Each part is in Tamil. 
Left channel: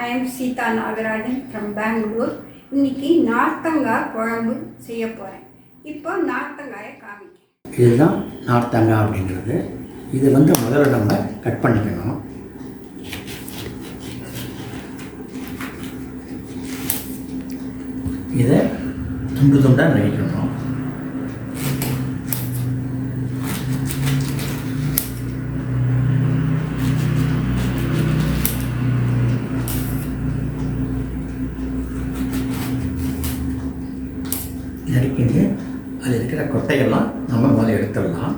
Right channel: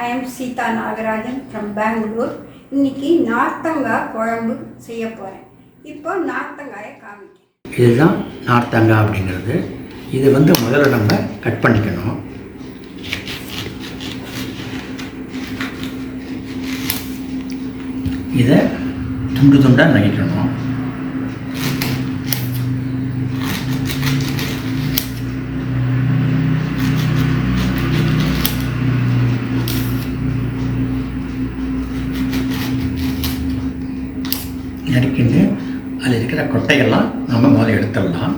I am Seetha Nagarajan from Bangalore இன்னைக்கு நார்த்தங்காய் குழம்பு செய்ய போகிறேன் இப்போ நார்த்தங்காயை காமிக்கிறேன். இதுதான் நார்த்தங்காய் அப்படிங்கிறது. இது வந்து முதல்ல நம்ம கட் பண்ணிக்கணும். இதை துண்டு துண்டாக நகைக்கணும் நறுக்கிட்டு அதில் இருக்கிற கொட்டைகள்லாம் நம்ம முதல்ல எடுத்துடலாம்.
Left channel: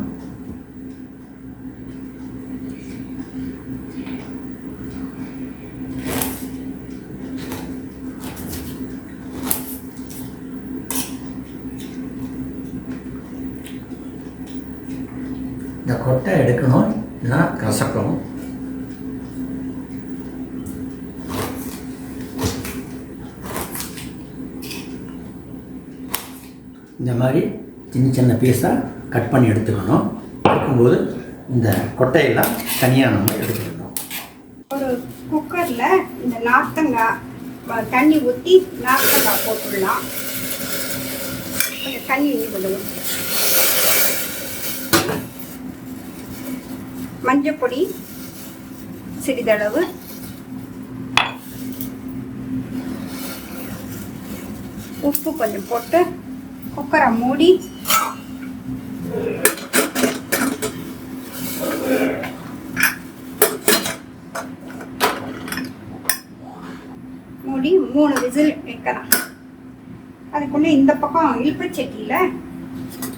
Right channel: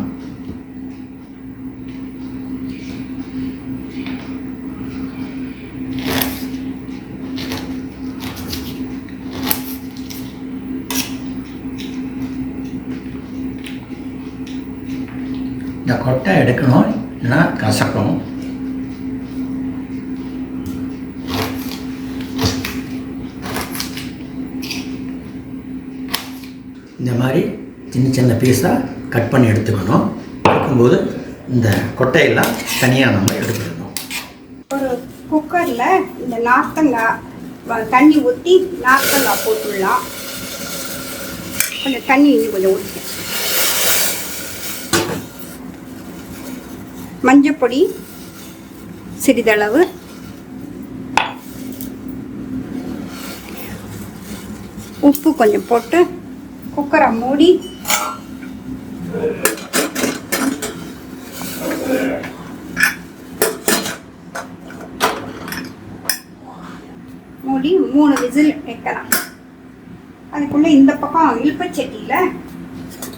இந்த கொட்டை எடுக்கணும் இல்லைன்னா கசக்கும். இந்த மாதிரி சின்ன சின்ன பீஸாக கட் பண்ணி எடுத்துக்கணும். எடுக்கும்போது இந்த கொட்டையெல்லாம் தனியாக நம்ம எடுத்துக்கணும். ஒரு குக்கரில் இந்த நார்த்தங்காய் தண்ணி ஊற்றி நார்த்தங்காய் போட்டுடலாம். கொஞ்சம் தண்ணி கொஞ்சம் ஊற்றி மஞ்சப்பொடி சிறிதளவு. உப்பு கொஞ்சம் போட்டு குக்கரை மூடி. மூடி மூணு விசில் வைக்கலாம். அதுக்குள்ளே இந்த பக்கம் இழுப்பச்சட்டியில்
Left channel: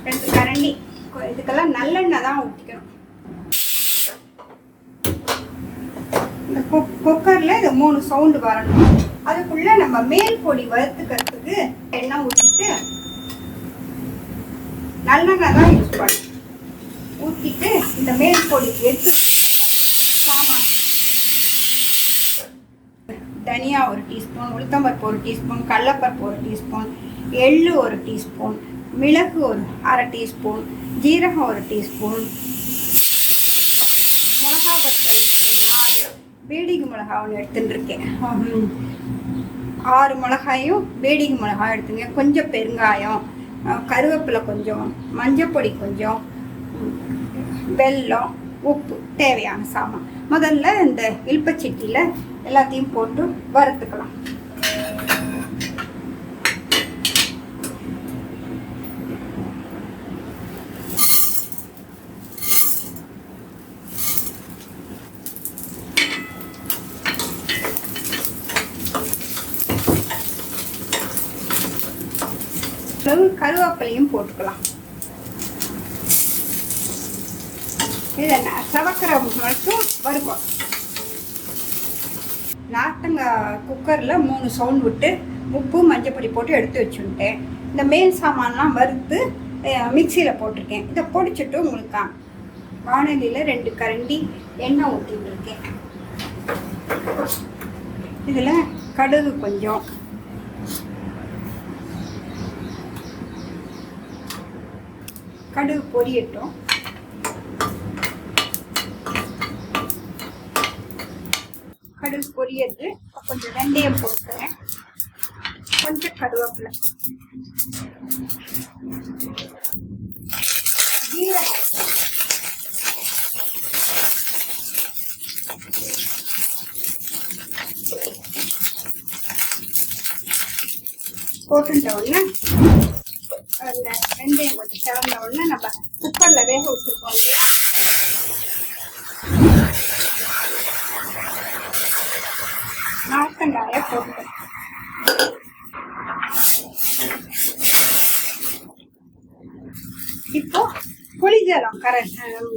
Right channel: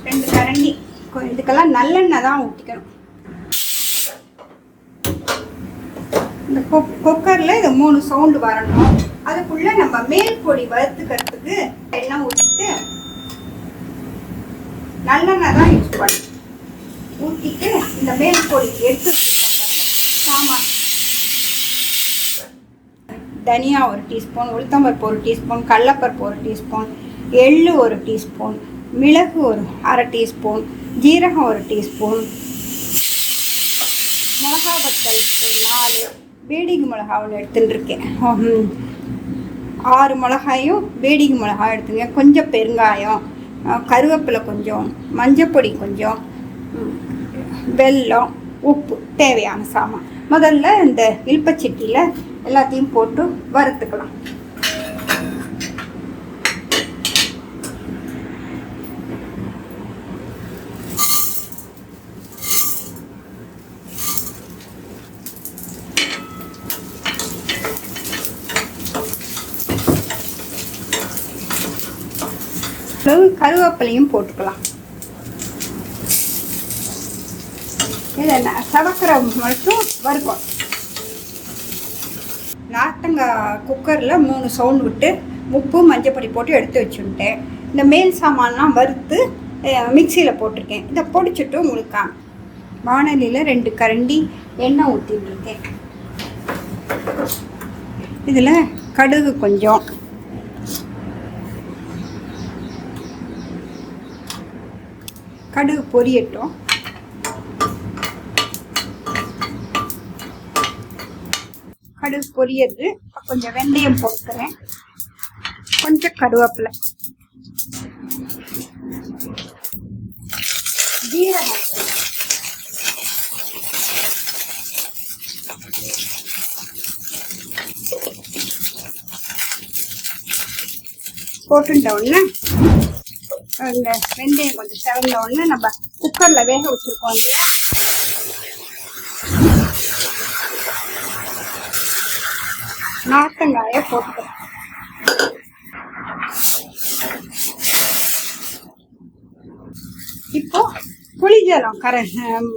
ரெண்டு கரண்டி. கொ- இதுக்கெல்லாம் நல்லெண்ணெய் தான் ஊற்றிக்கணும் இந்த குக்கரில் இது மூணு சவுண்டு வரணும். அதுக்குள்ளே நம்ம மேல் பொடி வறுத்துக்கிறதுக்கு எண்ணெய் ஊற்றிட்டு நல்லெண்ணெய் தான் யூஸ் பண்ணும் ஊற்றிட்டு இந்த மேல் பொடி எடுத்து சாமான் தனியா ஒரு டீஸ்பூன் உளுத்தம்பருப்பு ஒரு டீஸ்பூன் கடலப்பருப்பு ஒரு டீஸ்பூன் எள்ளு ஒரு டீஸ்பூன் மிளகு ஒரு அரை டீஸ்பூன் ஜீரகம் ஒரு டீஸ்பூன் மிளகா வத்தல் நாலு வேடிகை மிளகா ஒன்று எடுத்துட்டுருக்கேன் ஆறு மிளகாயும் வேடிகை மிளகாயும் எடுத்துங்க. கொஞ்சம் பெருங்காயம் கருவேப்பிலை கொஞ்சம் மஞ்சப்பொடி கொஞ்சம் வெல்லம் உப்பு தேவையான சாமான். முதல்ல இந்த இல்பச்சட்டியில் எல்லாத்தையும் போட்டு வறுத்துக்கலாம் அளவு கருவேப்பிலையும் போட்டுக்கலாம். இதை ந- சவக்கிற மட்டும் வறுக்கும். நார்த்தங்காய் குக்கரில் மூணு சவுண்ட் விட்டு உப்பு மஞ்சப்பொடி போட்டு எடுத்து வச்சுட்டேன் இந்த மேல் சாமான்லாம் வறுத்து மிக்சியில் போட்டிருக்கேன். இதை பொடிச்சுட்டு உங்களுக்கு வானலியில் வாணலியில் ரெண்டு கரண்டி எண்ணெய் ஊற்றிட்டுருக்கேன் இதில் கடுகு கொஞ்சம். கடுகு பொரியட்டும். கடுகு பொரியது கொஞ்சம் வெந்தயம் போட்டுக்கிறேன். கொஞ்சம் கருவேப்பிலை. ஜீரகம். போட்டுட்டோம்ல. இந்த வெந்தயம் கொஞ்சம் சிறந்த உடனே நம்ம குக்கரில் வேக வச்சுருக்கோம் இல்லையா? நார்த்தங்காயை போட்டுக்கிறேன் இப்போ புளிஜலம் கரை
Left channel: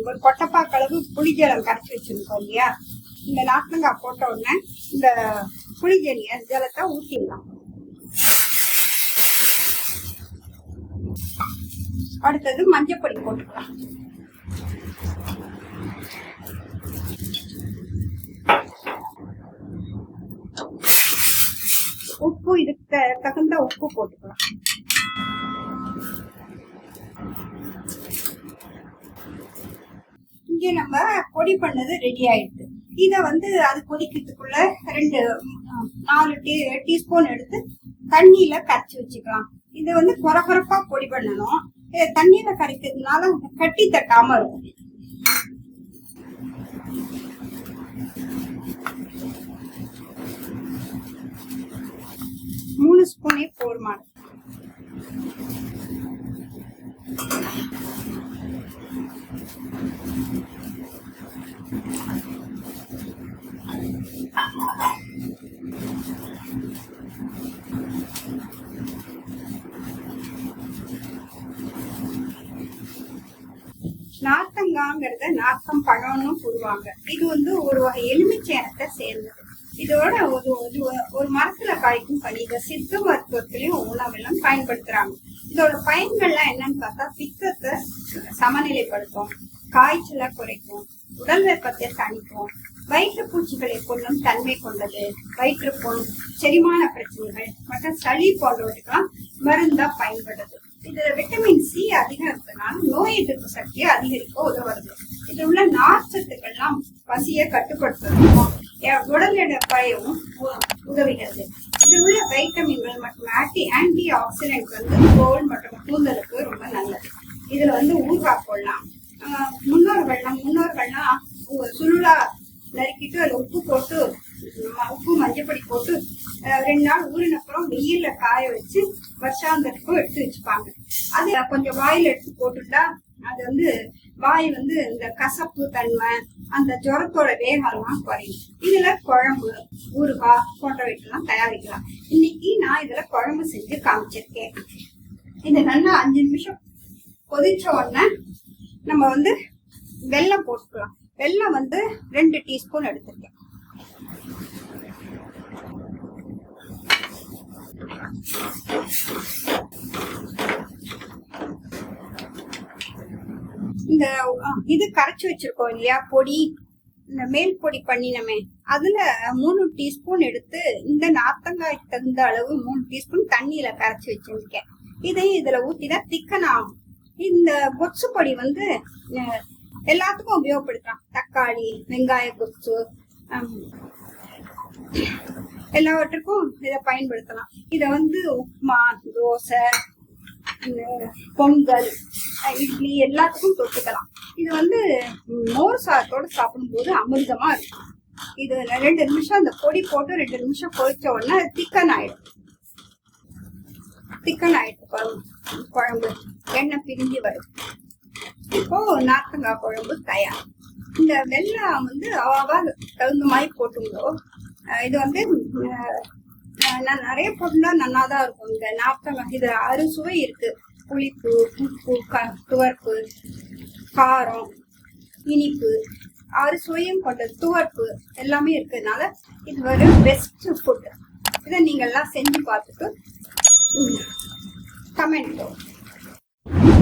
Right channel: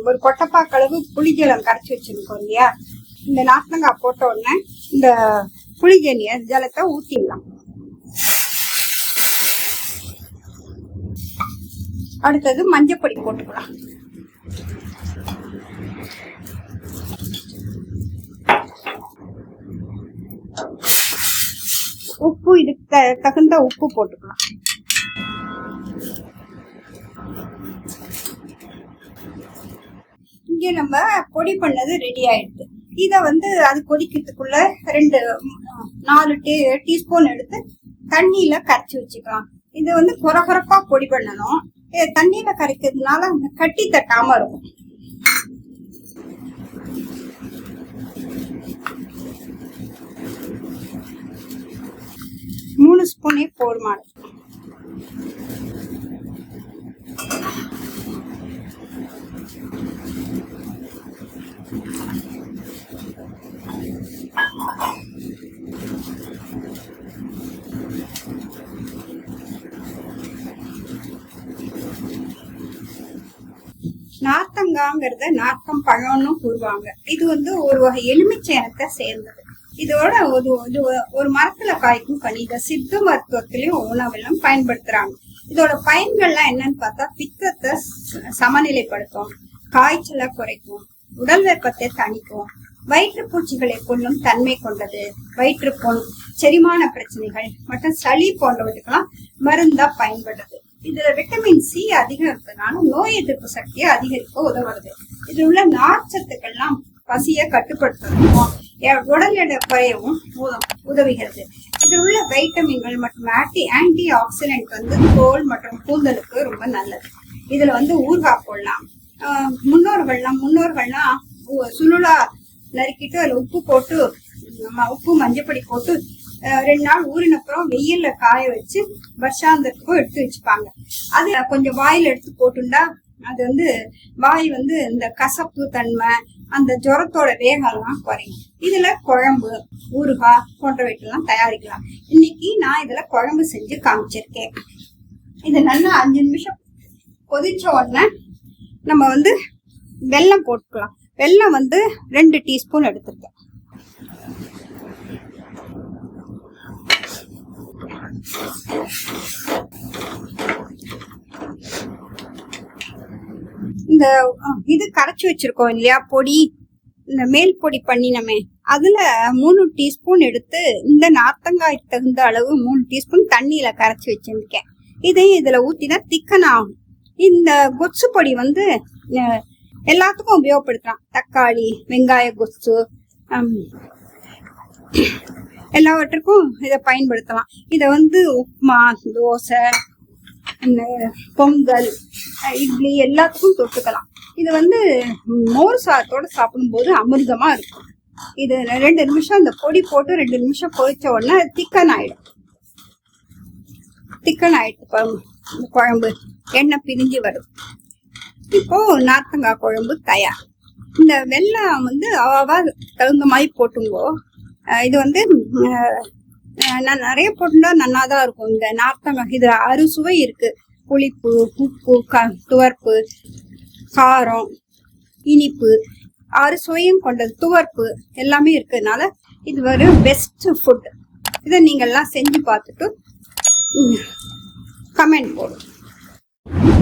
ஒரு கொட்டப்பாக்களவு புளிஜலம் கரைச்சி வச்சிருக்கோம் இல்லையா? இந்த நார்த்தங்காய் போட்ட உடனே இந்த புளிஜனிய ஜலத்தை ஊற்றிடலாம் அடுத்தது மஞ்சப்பொடி போட்டுக்கலாம். உப்பு இதுக்கு த- தகுந்த உப்பு போட்டுக்கலாம். இங்கே நம்ம பொடி பண்ணது ரெடி ஆயிடுது. இதை வந்து அது கொதிக்கிறதுக்குள்ள ரெண்டு நாலு டீ டீஸ்பூன் எடுத்து தண்ணியில் கரைச்சி வச்சுக்கலாம். இதை வந்து குறை குறைப்பா பொடி பண்ணணும். தண்ணியில கரைக்கிறதுனால அந்த கட்டி தட்டாம இருக்கும். மூணு ஸ்பூனே போதுமானது. நார்த்தங்காங்கிறத நார்த்தம் பழம்னு சொல்லுவாங்க இது வந்து ஒரு வகை எலுமிச்சேனத்தை சேர்ந்தது. இதோட ஒரு இது ஒரு- ஒரு மரத்துல காய்க்கும் கனி இதை சித்த மருத்துவத்திலையும் உணவெல்லாம் பயன்படுத்துறாங்க. இதோட பயன்கள்லாம் என்னன்னு பார்த்தா பித்தத்தை ச- சமநிலைப்படுத்தும் காய்ச்சலை குறைக்கும் உடல் வெப்பத்தை தணிக்கும் வயிற்றுப்பூச்சிகளை கொள்ளும் தன்மை கொண்டது வயிற்றுப்புண் செரிமான பிரச்சனைகள் மற்றும் சளி போன்றவற்றுக்கெல்லாம் மருந்தா பயன்படுது. இதுல விட்டமின் சி அதிகம் இருப்பதனால நோய் எதிர்ப்பு சக்தியை அதிகரிக்க உதவுறது. இதுல உள்ள நார்ச்சத்துக்கள்லாம் பசியை கட்டுப்படுத்துறதுக்கும் உடல் எடை குறையவும் உதவுகிறது. இதில் உள்ள வைட்டமின்கள் மற்றும் ஆன்டி ஆன்டி ஆக்சிடென்ட் வந்து தோல் மற்றும் கூந்தலுக்கு ரொம்ப நல்லது. இதுல வந்து ஊறுகாய் போடலாம். முன்னோர்கள்லாம் முன்னோர்கள்லாம் சுருளா நறுக்கிட்டு அதில் உப்பு போட்டு நம்ம உப்பு மஞ்சப்பொடி போட்டு ரெண்டு நாள் ஊறின அப்புறம் வெயில்ல காய வச்சு வருஷாந்தத்துக்கும் எடுத்து வச்சுப்பாங்க. அது கொஞ்சம் வாயில எடுத்து போட்டுண்டா அது வந்து வாய் வந்து இந்த கசப்பு தன்மை அந்த ஜுரத்தோட வேகம்லாம் குறையும். இதுல குழம்பு ஊறுகாய் போன்றவைக்கெல்லாம் தயாரிக்கலாம். இன்னைக்கு நான் இதுல குழம்பு செஞ்சு காமிச்சிருக்கேன். இது நல்லா அஞ்சு நிமிஷம் கொதிச்ச உடனே நம்ம வந்து வெல்லம் போட்டுக்கலாம். வெல்லம் வந்து ரெண்டு டீஸ்பூன் எடுத்துருக்கேன். இந்த இது கரைச்சி வச்சிருக்கோம் இல்லையா? பொடி இந்த மேல் பொடி பண்ணினமே. அதுல மூணு டீஸ்பூன் எடுத்து இந்த நார்த்தங்காய் தகுந்த அளவு மூணு டீஸ்பூன் தண்ணியில கரைச்சி வச்சிருக்கேன். இதையும் இதுல ஊத்தினா திக்கன் ஆகும். இந்த கொச்சு பொடி வந்து எல்லாத்துக்கும் உபயோகப்படுத்தலாம். தக்காளி வெங்காய கொச்சு எல்லாவற்றுக்கும் இதை பயன்படுத்தலாம். இதை வந்து உப்புமா தோசை பொங்கல் இட்லி எல்லாத்துக்கும் தொட்டுக்கலாம். இது வந்து மோர் சாதத்தோட சாப்பிடும்போது அமிர்தமா இருக்கும். இது ரெண்டு நிமிஷம் அந்த பொடி போட்டு ரெண்டு நிமிஷம் பொரிச்ச உடனே திக்கன் ஆயிடும். திக்கன் ஆயிடுச்சு இந்த குழம்பு எண்ணெய் பிரிஞ்சு வரும். இப்போ நார்த்தங்காய் குழம்பு தயார். இந்த வெள்ளம் வந்து அவாவா தகுந்த மாதிரி போட்டுங்கோ. இது வந்து நான் நிறைய போட்டுட்டா நல்லா தான் இருக்கும். இந்த நார்த்தங்காய் இதுல அறுசுவை இருக்கு. புளிப்பு உப்பு க துவர்ப்பு காரம் இனிப்பு ஆறு சுவையும் கொண்டது. துவர்ப்பு எல்லாமே இருக்கிறதுனால இது ஒரு பெஸ்ட் ஃபுட் இதை நீங்கள்லாம் செஞ்சு பார்த்துட்டு கமெண்ட் போடும்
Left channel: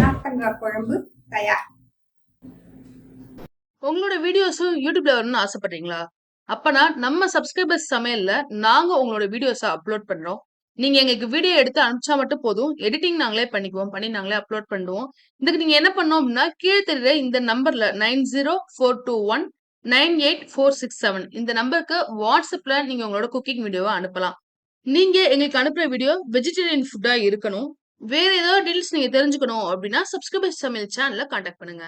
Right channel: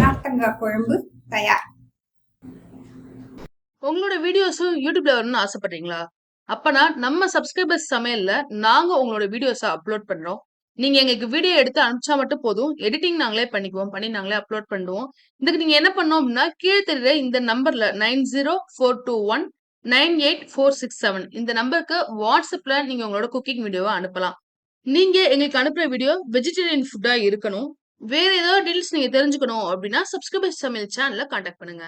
நார்த்தங்காய் குழம்பு தயார். உங்களோட வீடியோஸும் யூடியூப்ல வரணும்னு ஆசைப்படுறீங்களா? அப்பனா நம்ம சப்ஸ்கிரைபர்ஸ் சமையல்ல நாங்க உங்களோட வீடியோஸை அப்லோட் பண்றோம். நீங்க எங்களுக்கு வீடியோ எடுத்து அனுப்பிச்சா மட்டும் போதும். எடிட்டிங் நாங்களே பண்ணிக்குவோம். பண்ணி நாங்களே அப்லோட் பண்ணுவோம். இதுக்கு நீங்க என்ன பண்ணோம் அப்படின்னா கீழே தெரியுற இந்த நம்பர்ல nine zero four two one nine eight four six seven இந்த நம்பருக்கு வாட்ஸ்அப்ல நீங்க உங்களோட குக்கிங் வீடியோவை அனுப்பலாம். நீங்க எங்களுக்கு அனுப்புற வீடியோ வெஜிடேரியன் ஃபுட்டா இருக்கணும். வேற ஏதாவது டீல்ஸ் நீங்க தெரிஞ்சுக்கணும் அப்படின்னா சப்ஸ்கிரைபர் சமையல் சேனல்ல கான்டாக்ட் பண்ணுங்க.